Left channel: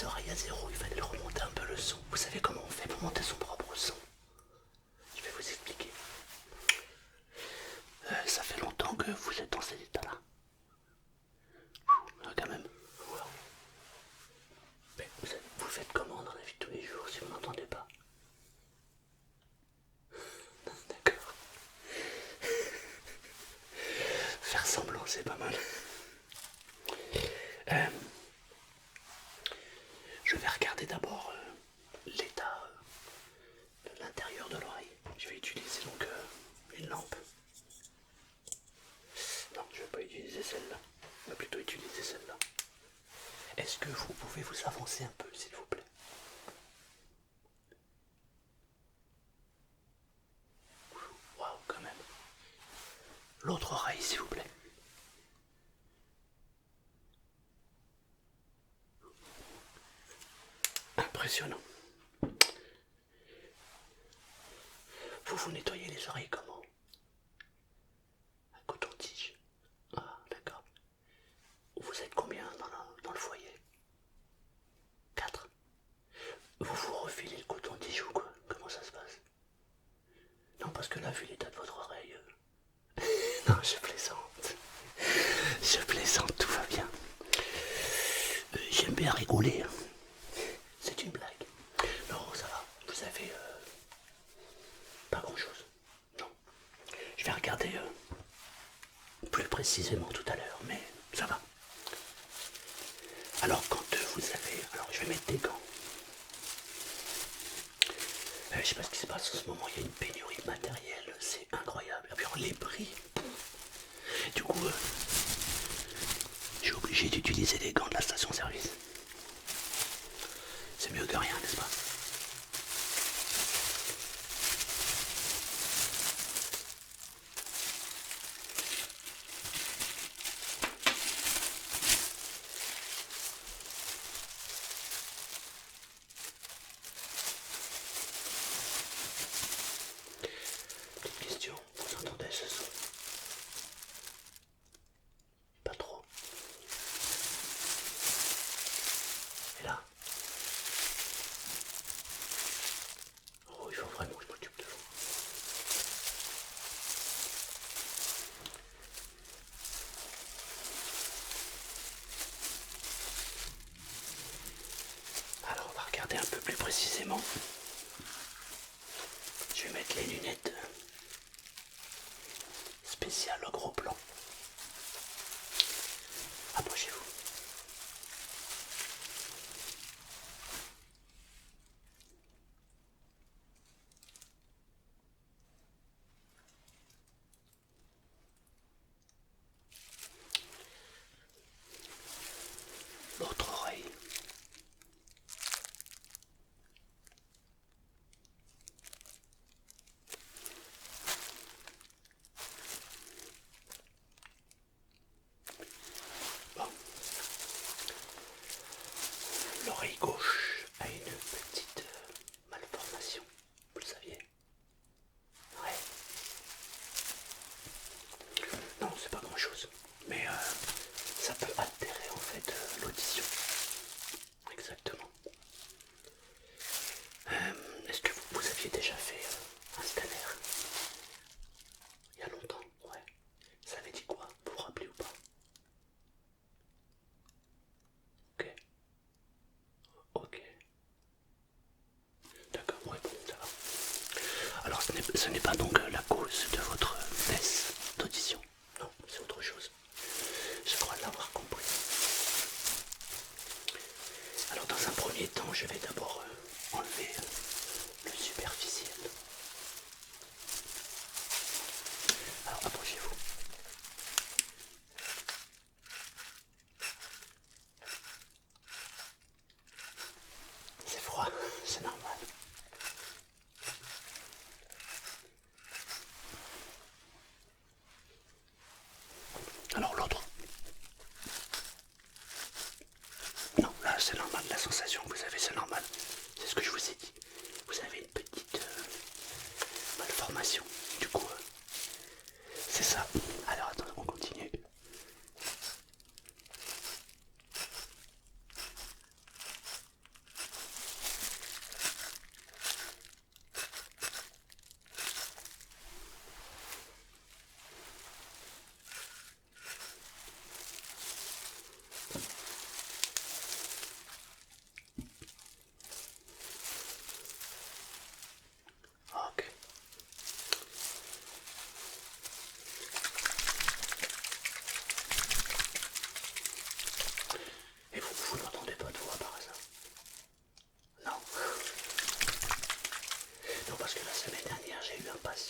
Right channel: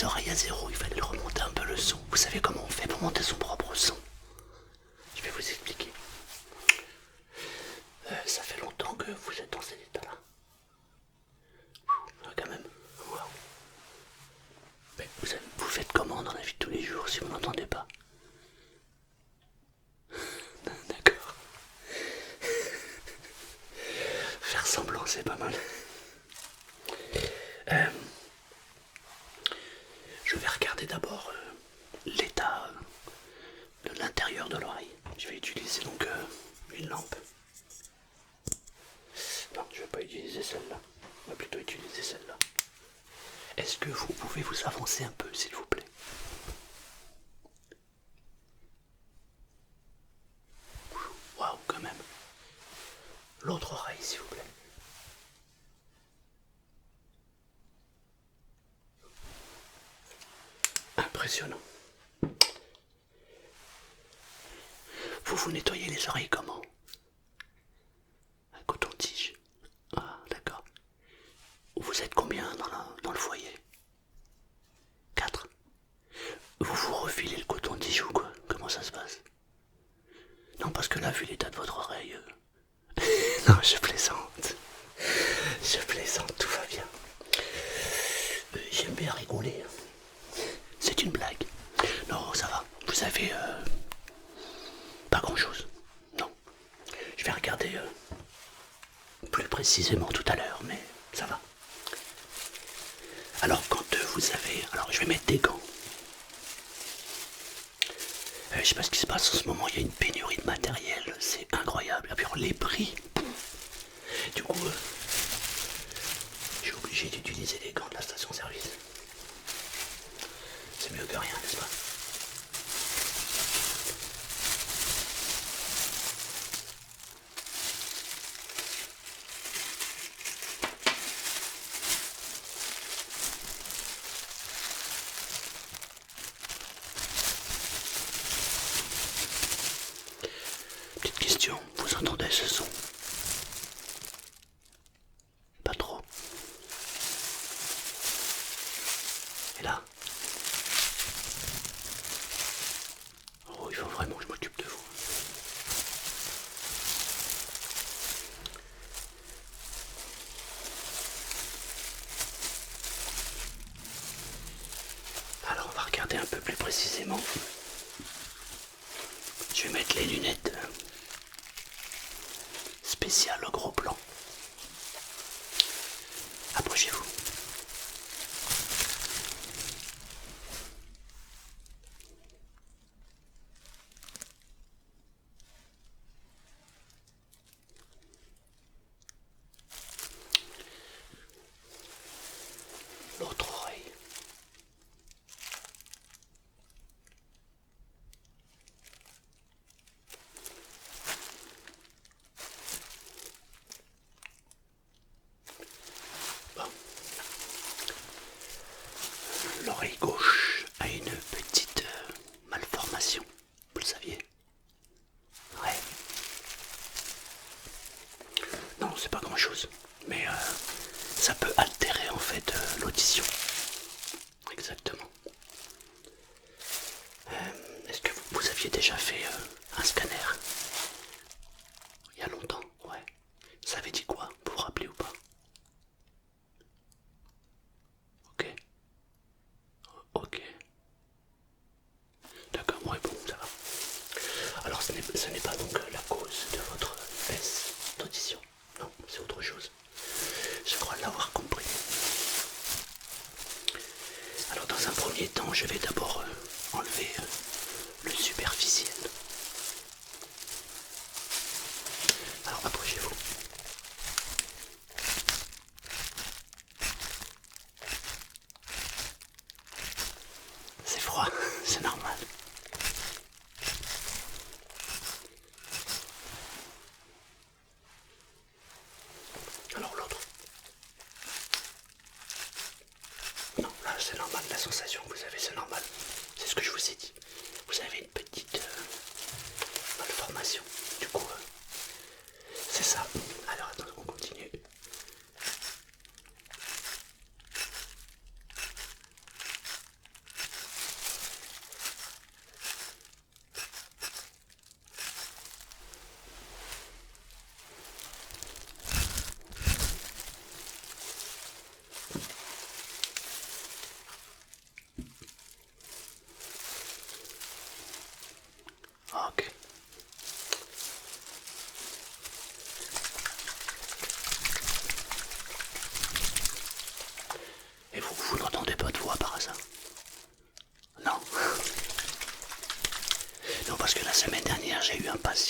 les oreilles à zéro, il fallait remonter un peu le son. Vous savez comment on fait pour monter son propre son? Je vais vous expliquer. Ça fait longtemps que vous êtes dans cet état-là. Quand même. Waouh. Mais vous faites comment dans la vie de tous les jours si vous n'entendez pas? D'accord. Faire semblant, c'est pas mal. Je vais regarder d'abord l'état de l'intérieur de l'oreille. Je vais utiliser donc une lampe. Non, je ne vais pas utiliser celle-là. On va plutôt utiliser celle-là. Est-ce que vous pouvez vous avancer un peu, s'il vous plaît? Waouh, quand même. L'autre oreille, s'il vous plaît. Impressionnant. Vous nettoyez les oreilles comment? Un coton-tige. Ah, d'accord. Vous êtes combien dans le foyer? 4. Vous vous refilez le coton-tige ou quoi? Comment ça se passe? Non, parce que là, vu l'état de votre oreille... Non, je plaisante. Je plaisante, tout va bien. J'aime bien rigoler. C'est une blague. Non, ça va. Vous avez pas grand-chose. Non. Je vais regarder plus précisément tout à l'heure, mais ça va. Alors, quand vous avez... Alors, je vais mettre des gants. Je sais pas ce qui se passe en ce moment, il y a une pénurie de matériel, c'est incroyable. Et puis les prix. Du coup, j'ai obligé d'utiliser des gants de la station-service. C'est mieux que rien, n'est-ce pas? Petite question, vous entendez ce son? Pas trop. Et là? Oh, il faut vraiment que je m'occupe de vous. Alors, on va regarder un peu plus précisément. Je vais mettre les lunettes spéciales au gros plan. Approchez-vous. L'autre oreille. Bon. L'oreille gauche a une petite malformation, vous le saviez? Ouais. Non, c'est pas grand chose, mais ça peut altérer en fait l'audition. Exactement. Est-ce que vous aviez déjà fait un scanner? Il y a longtemps, ouais. Ça avait dit quoi? Vous vous rappelez ou pas? Ok. Ok. D'accord, ouais, bon, ça va. Alors ce n'est pas donc la cause de votre baisse d'audition. Non, c'est autre chose. Je crois l'avoir compris. Alors dans un premier temps, je vais d'abord enlever le superficiel. Alors approchez-vous. C'est froid, c'est normal. Alors l'autre. Non, là c'est normal, la sensation que vous avez c'est normal. C'est ce que je vous ai dit.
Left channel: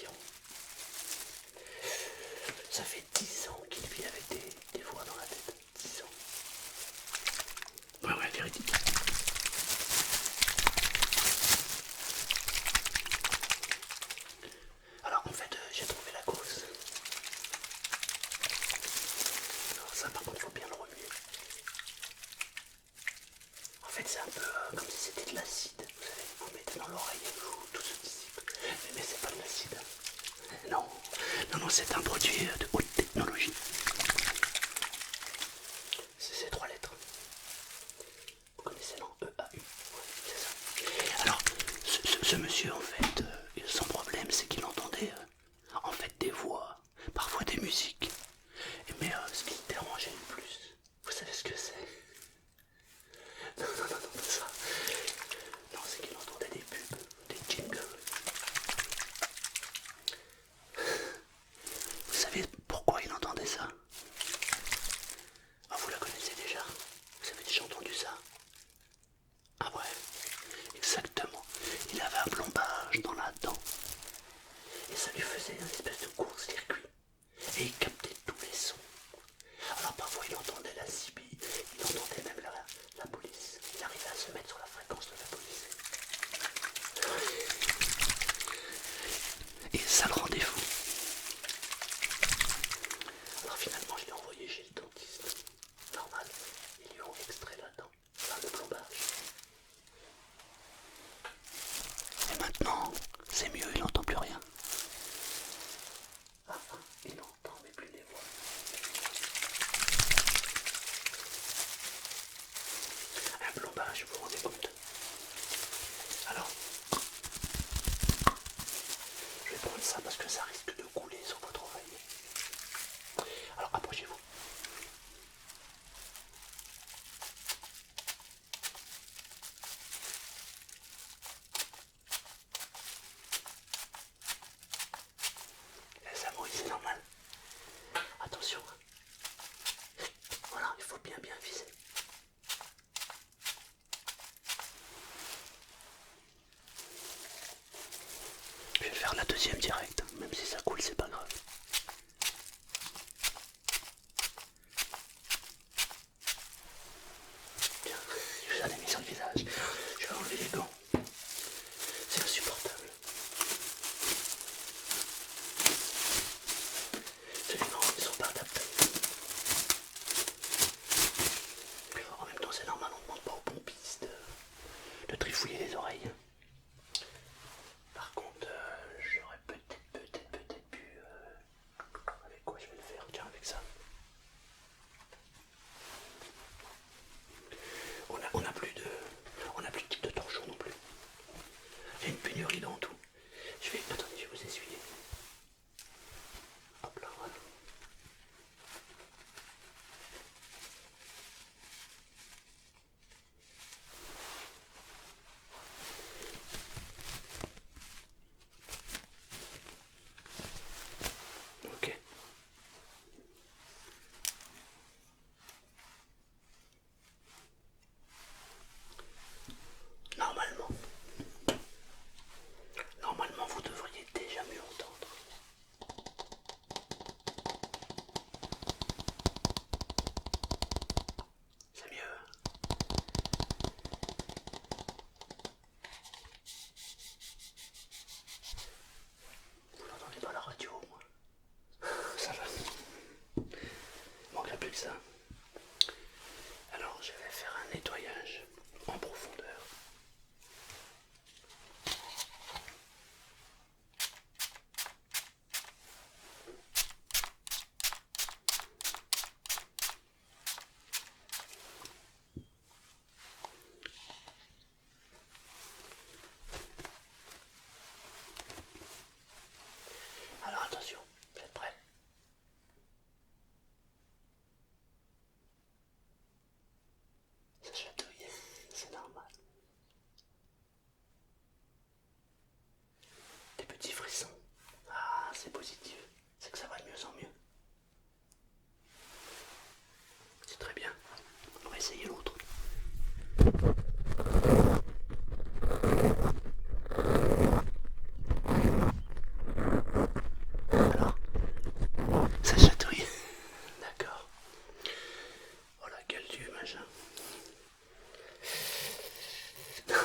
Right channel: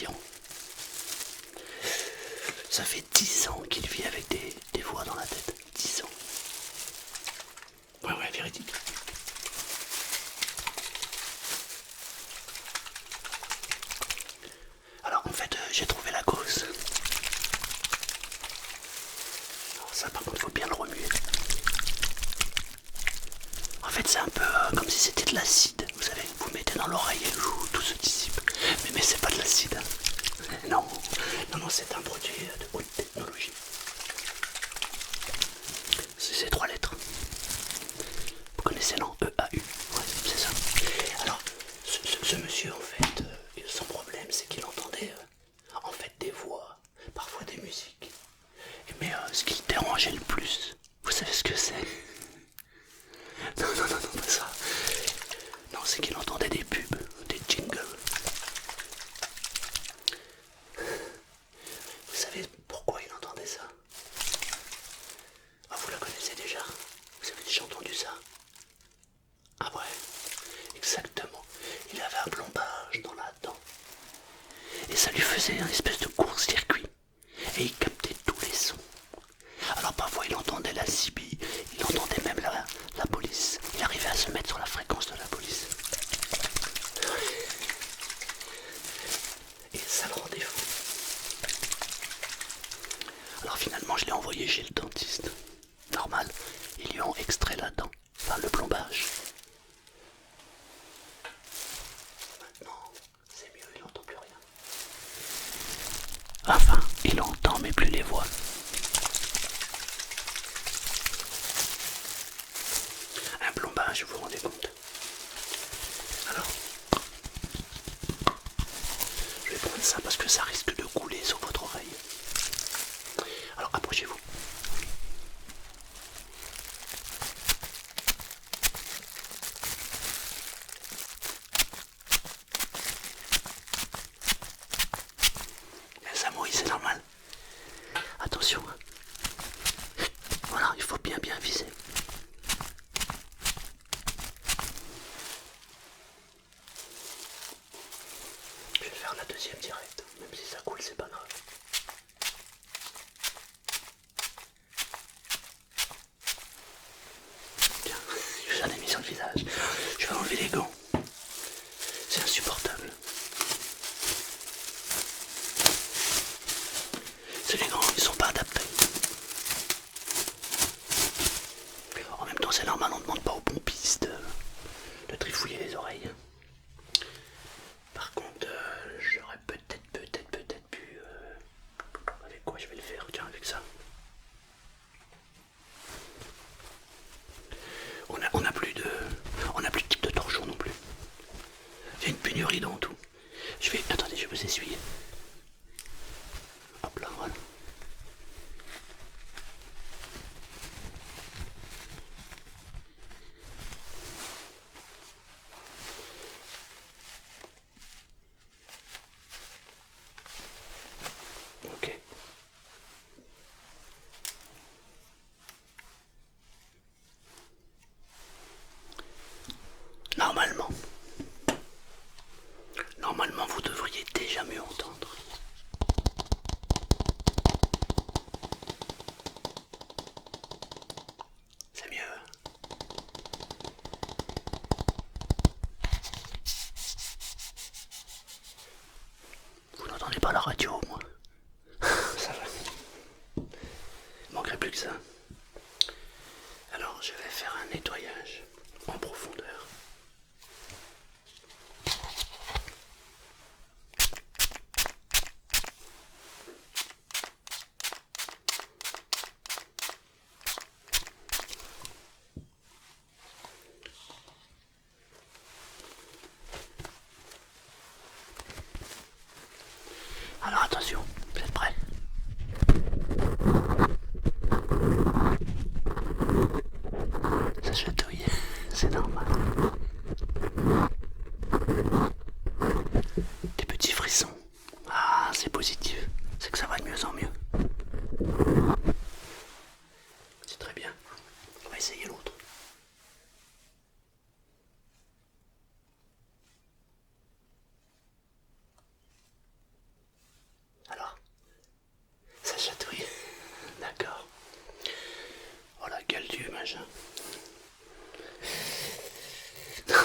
passion. Ça fait 10 ans qu'il vit avec des voix dans la tête. 10 ans. Ouais, véridique. Alors en fait, j'ai trouvé la cause. Alors ça par contre, il faut bien le remuer. En fait, c'est un peu comme si c'était de l'acide. Vous savez, vous mettez dans l'oreille et tout se dissipe. Mais c'est pas de l'acide. Non, non, c'est un produit de haute technologie. C'est 3 lettres. Vous connaissez, non? EAU. Ouais, c'est ça. Alors, ce monsieur, en fait, son problème, c'est qu'il entendait en fait des voix, parfois des musiques. Mais ce qui le dérangeait le plus, vous savez ce que c'est? Non, pas ça. Non, c'est qu'il entendait des pubs, des jingles. Vous savez pourquoi il entendait ça? Ah, vous la connaissez déjà? Vous avez déjà entendu ça? Ah ouais, exactement. Il avait un plombage dans la dent. Et ça lui faisait un espèce de court-circuit. Et il captait tous les sons. Alors parfois il entendait la CB, il entendait même la police. Il arrivait à se mettre sur la fréquence de la police. Et ça le rendait fou. Alors finalement je l'ai envoyé chez le dentiste. Normal, ils lui ont extrait la dent, enfin le plombage. Et maintenant, c'est mieux, il n'entend plus rien. Enfin, il entend mais plus les voix. Un plombage, vous vous rendez compte? Alors, je vais prendre ça parce que ça risque de couler sur votre oreille. Alors, approchez-vous. Ça mouille, c'est normal. Attention. Voilà, il faut bien viser. Je vais faire la deuxième direct, même si ça coule, c'est pas grave. Tiens, j'en ai mis sur le visage. Je vais enlever les gants. C'est insupportable. C'est les gants, ils sont pas adaptés. En même temps, c'est normal, on ne demande pas aux pompistes de trifouiller les oreilles. Par contre, j'aurais peut-être pu... avec quoi je vais le faire? Tiens, avec ça. On n'a plus de type de torchon non plus.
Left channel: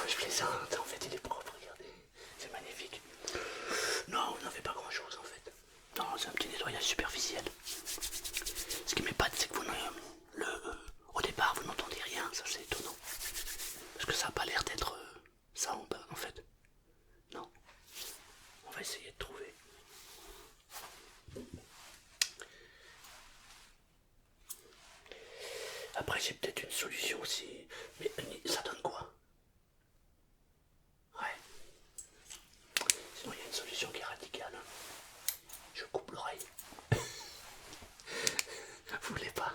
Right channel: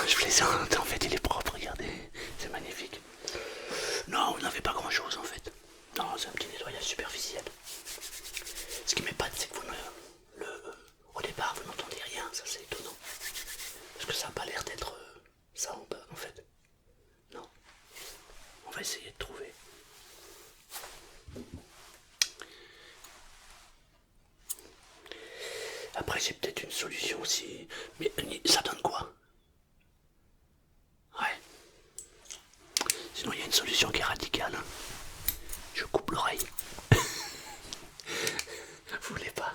Je plaisante, en fait il est propre, regardez, c'est magnifique. Non, vous n'avez pas grand chose en fait. Non, c'est un petit nettoyage superficiel. Ce qui m'épate, c'est que vous au départ vous n'entendez rien, ça c'est étonnant. Parce que ça n'a pas l'air d'être ça en fait. Non. On va essayer de trouver. Après j'ai peut-être une solution aussi. Mais ça donne quoi? Ouais. Sinon il y a une solution qui est radicale. Hein. Je coupe l'oreille. Vous voulez pas?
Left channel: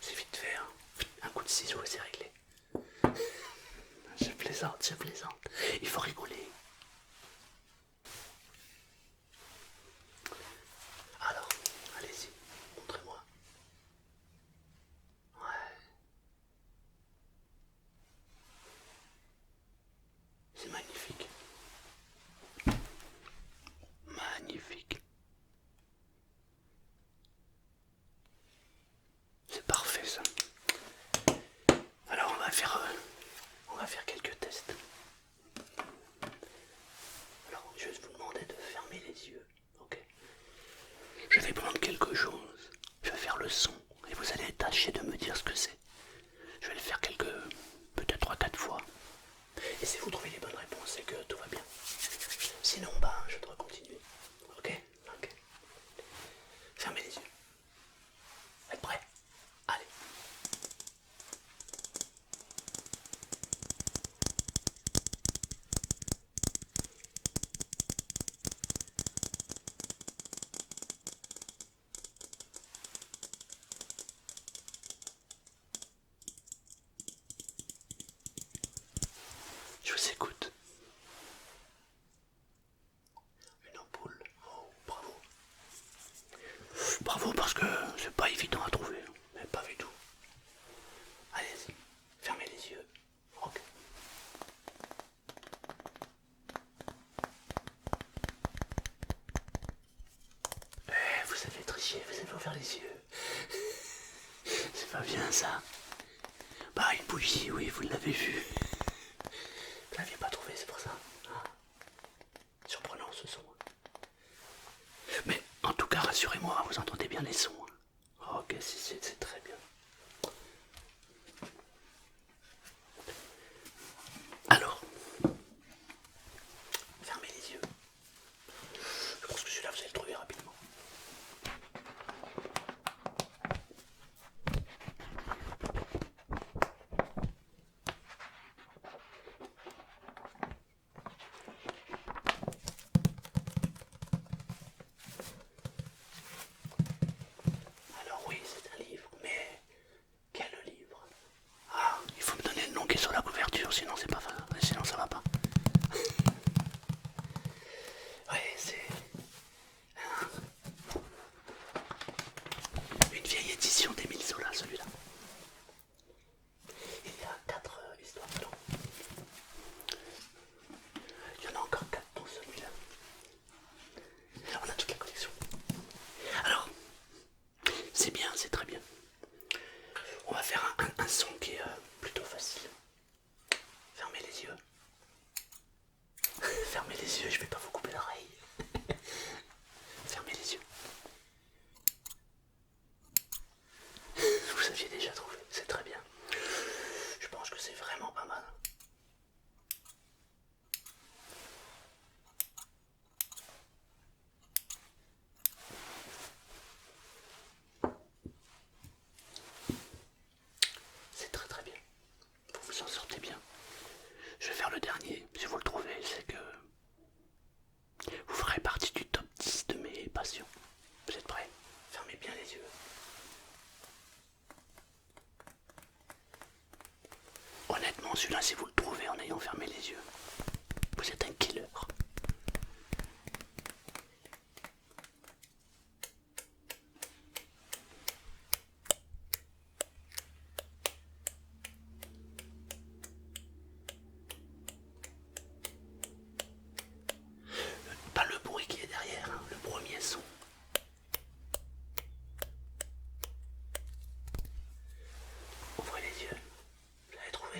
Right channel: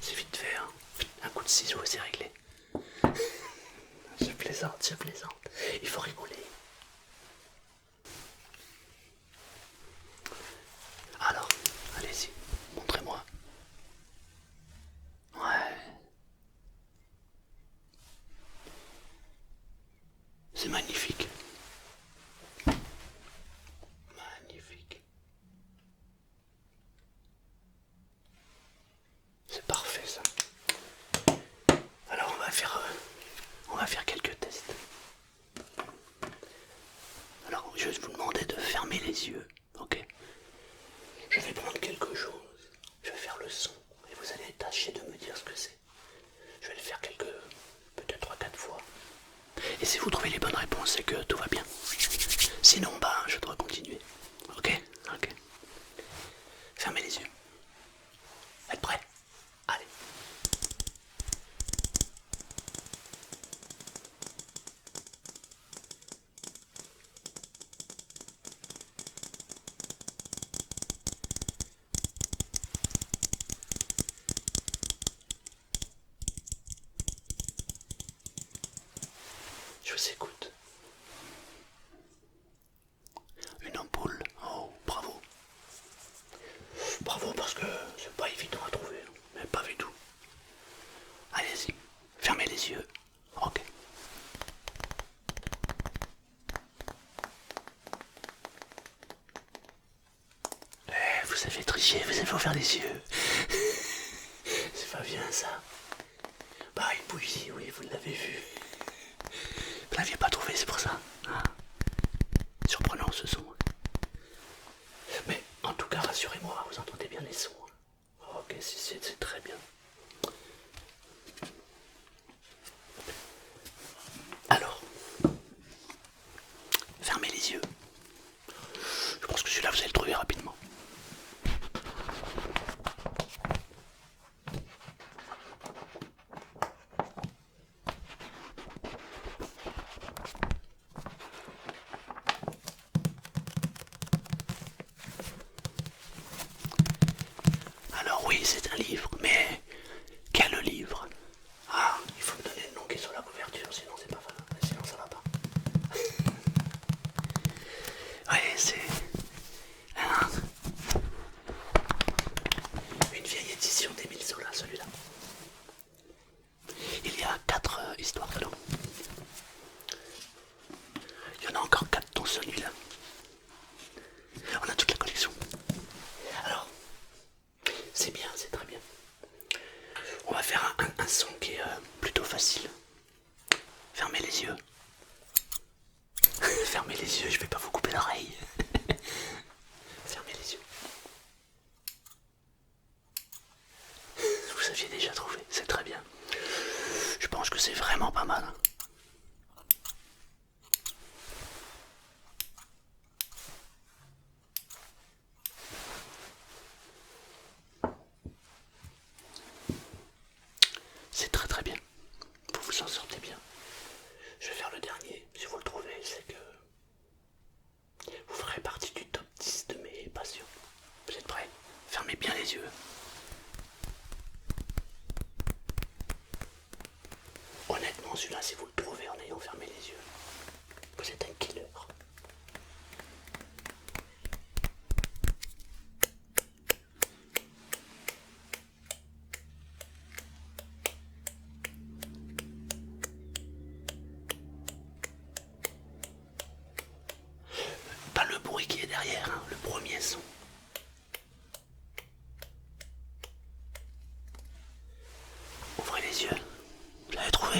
C'est vite fait, hein. Un coup de ciseau et c'est réglé. Je plaisante, je plaisante. Il faut rigoler. Alors, allez-y, montrez-moi. Ouais. C'est magnifique. Magnifique. C'est parfait ça. Alors on va faire quelques tests. Alors je vais vous demander de fermer les yeux, ok? Je vais prendre quelque chose. Je vais faire le son et vous allez tâcher de me dire ce que c'est. Je vais le faire peut-être 3-4 fois. Et si vous trouvez les bonnes réponses, c'est que tout va bien. Sinon, bah, je dois continuer. Ok? Ok. Fermez les yeux. Êtes prêts? Allez. Je vous écoute. Une ampoule. Oh, bravo. Bravo parce que c'est pas évident à trouver. Mais pas du tout. Allez-y. Fermez les yeux. Ok. Vous avez triché, vous avez ouvert les yeux. C'est pas bien ça. Bah une bougie, oui, vous l'avez vu. Vous l'aviez pas trouvé, c'est pour ça. Ah. Surprenant ce son. Mais en tout cas, rassurez-moi, vous entendez bien les sons. Ok, c'est très bien. Alors, fermez les yeux. Je pense que celui-là, vous allez le trouver rapidement. Alors oui, c'est un livre, mais quel livre? Ah, il faut me donner le nom qui est sur la couverture, sinon c'est pas sinon ça va pas. Ouais, c'est une vieille édition d'Émile Zola, celui-là. Il y a 4 histoires dedans. Il y en a encore 4 dans celui-là. On a toute la collection. Alors, c'est bien, c'est très bien. On va faire un son qui est plutôt facile. Fermez les yeux. Fermez les yeux, je vais pas vous couper l'oreille. Fermez les yeux. Vous aviez déjà trouvé, c'est très bien. Je pense que c'est vraiment pas mal. C'est très très bien. Vous vous en sortez bien. Je vais faire le dernier. Si vous le trouvez, c'est que vous ferez partie du top 10 de mes passions. Vous êtes prêts? Fermez bien les yeux. Honnêtement, celui-là, si vous le trouvez en ayant fermé les yeux, vous êtes un killer. Pas le bruit qui est derrière, hein, le premier son. Ouvrez les yeux. Vous l'avez trouvé?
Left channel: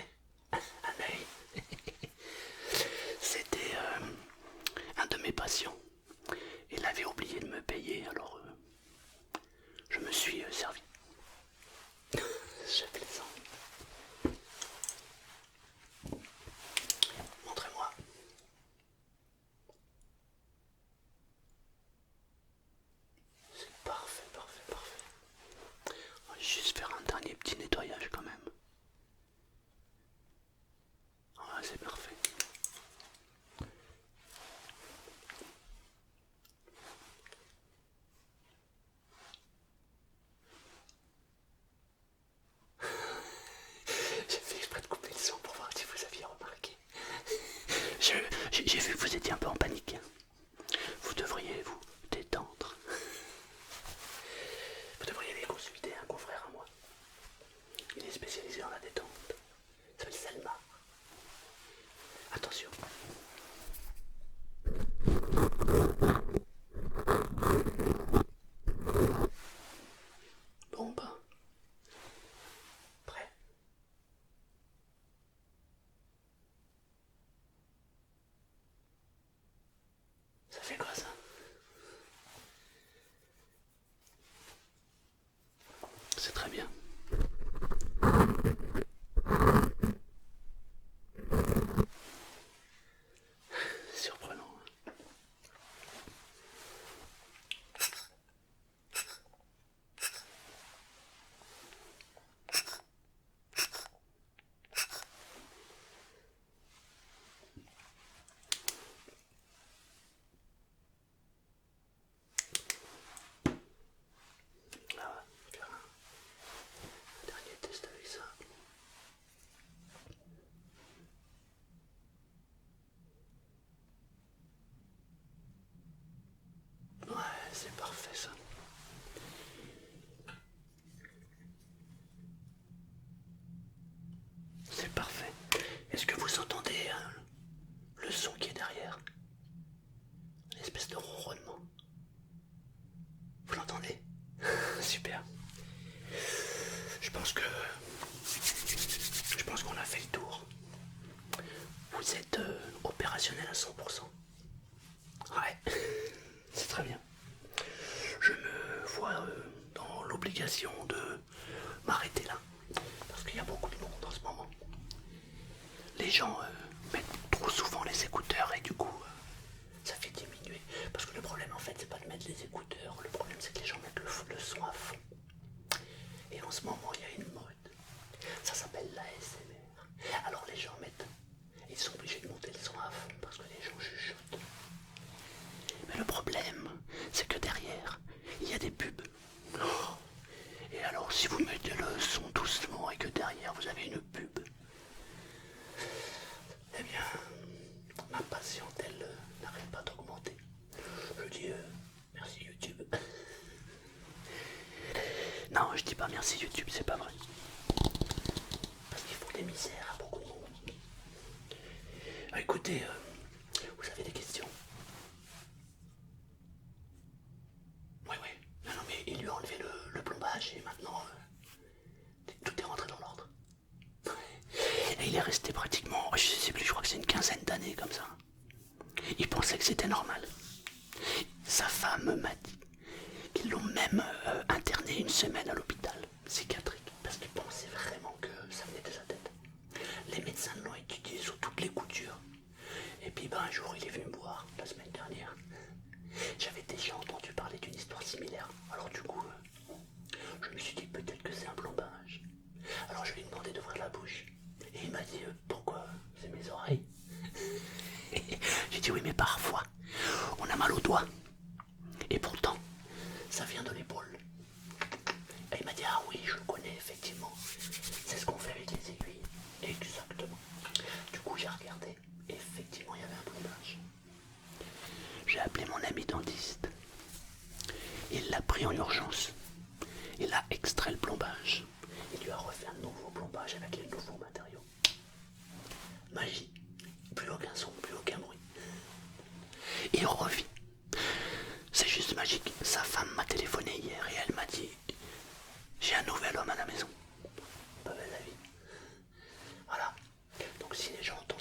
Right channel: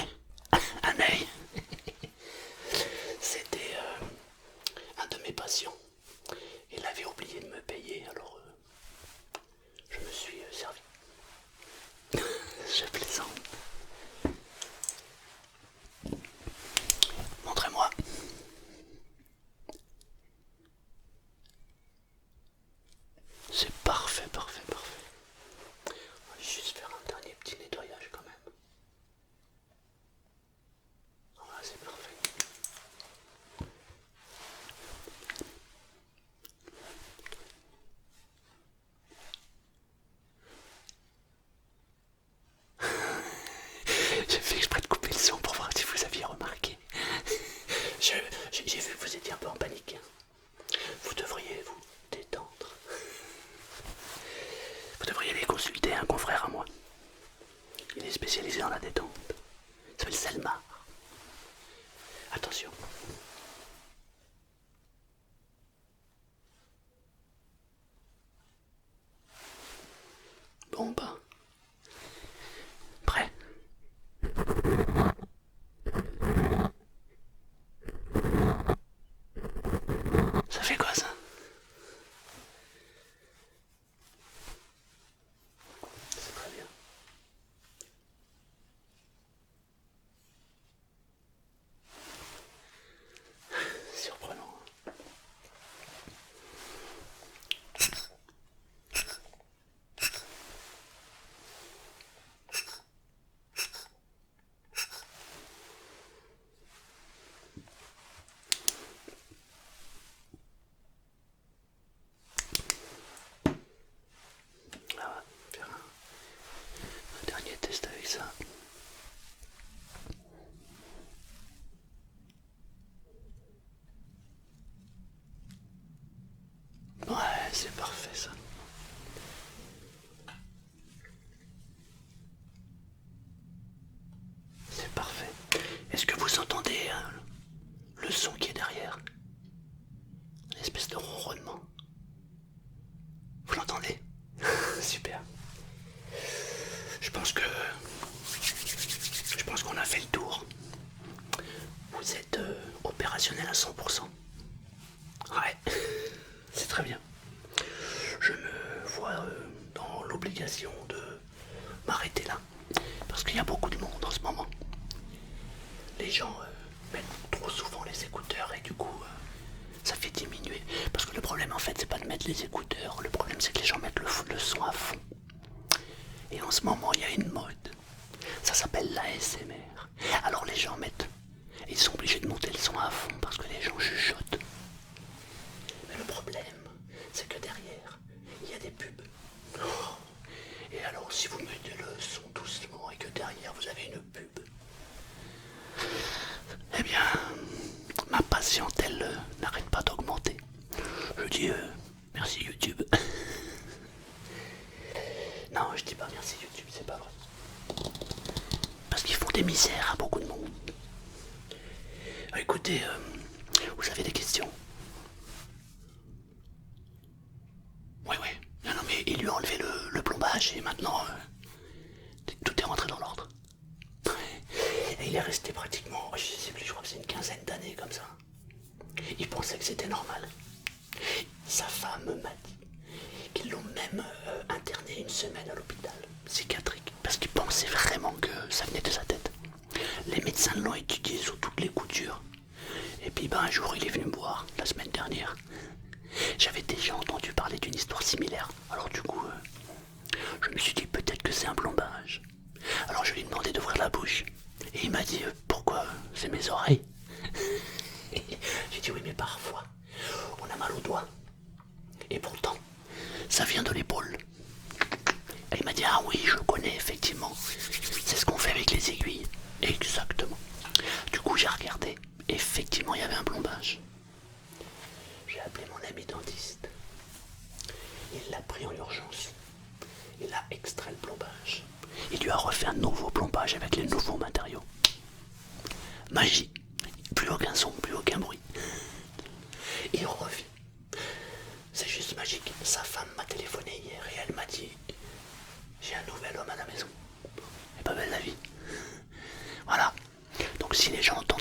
fait quoi ça? C'est très bien. Surprenant. Ah, on va faire un dernier test avec ça. Ouais, c'est parfait ça. C'est parfait. Est-ce que vous entendez le son qui est derrière? Une espèce de ronronnement. Vous l'entendez? Super. Je pense que... Je pense qu'on a fait le tour. Vous êtes opérationnel à 100%. Ouais, c'est très bien. Je me vois dans l'obligation de m'arrêter là. Parce qu'il y a beaucoup de monde en ce moment. Les gens mettent trop souvent les écouteurs et du coup ça fait diminuer. Parce que le problème en fait c'est pas de mettre les écouteurs. Le problème c'est que les gens mettent le son à fond. Et en ce moment il y a une mode. Ça s'appelle l'ASMR. Alors les gens mettent... Ils sont obligés de monter le son à fond parce que les gens chuchotent. Mais le problème, c'est que derrière, il y a des pubs. Et alors, si vous mettez le son doucement et que derrière vous avez une pub, eh bien, ma patientèle n'arrête pas d'augmenter. Je dis merci YouTube. Non, je dis pas merci YouTube, c'est pas vrai. Parce qu'ils font des misères à beaucoup de monde. Écoutez, vous avez des questions? Oui, oui. Non, non, mais il lui a enlevé le plombage et maintenant, tout est rentré dans l'ordre. Et il est resté pratiquement, je sais plus, je crois que c'est une quinzaine d'années comme ça. Il pensait que c'était normal. Sa femme m'a dit qu'ils l'ont même interné une semaine à l'hôpital psychiatrique parce qu'il pensait vraiment que ça venait de sa tête. Les médecins l'ont étudié sous toutes les coutures. Et puis un jour il est venu me voir, la semaine dernière. J'avais déjà entendu parler d'une histoire similaire. Alors du coup, je me suis dit peut-être que c'est un plombage. Alors je lui ai demandé d'ouvrir la bouche. Et il m'a dit pourquoi? C'est mes oreilles. J'ai dit oui mais parfois on a mal au doigt. Et pourtant ça vient de l'épaule. Et il m'a dit ah oui je connais effectivement. C'est ce qu'on fait avec les aiguilles. Exactement. Du coup j'ai regardé. Effectivement il y avait un plombage. J'ai appelé mon ami dentiste. Il l'a pris en urgence. Il a extrait le plombage. Il lui a refait un nouveau plombage avec les nouveaux matériaux. Magie. Plus aucun son, plus aucun bruit. Il revit. C'est juste magique. Sa femme m'a téléphoné hier et elle m'a dit j'ai un nouvel homme à la maison. C'est pas belle la vie. Voilà. Donc si les gens entendent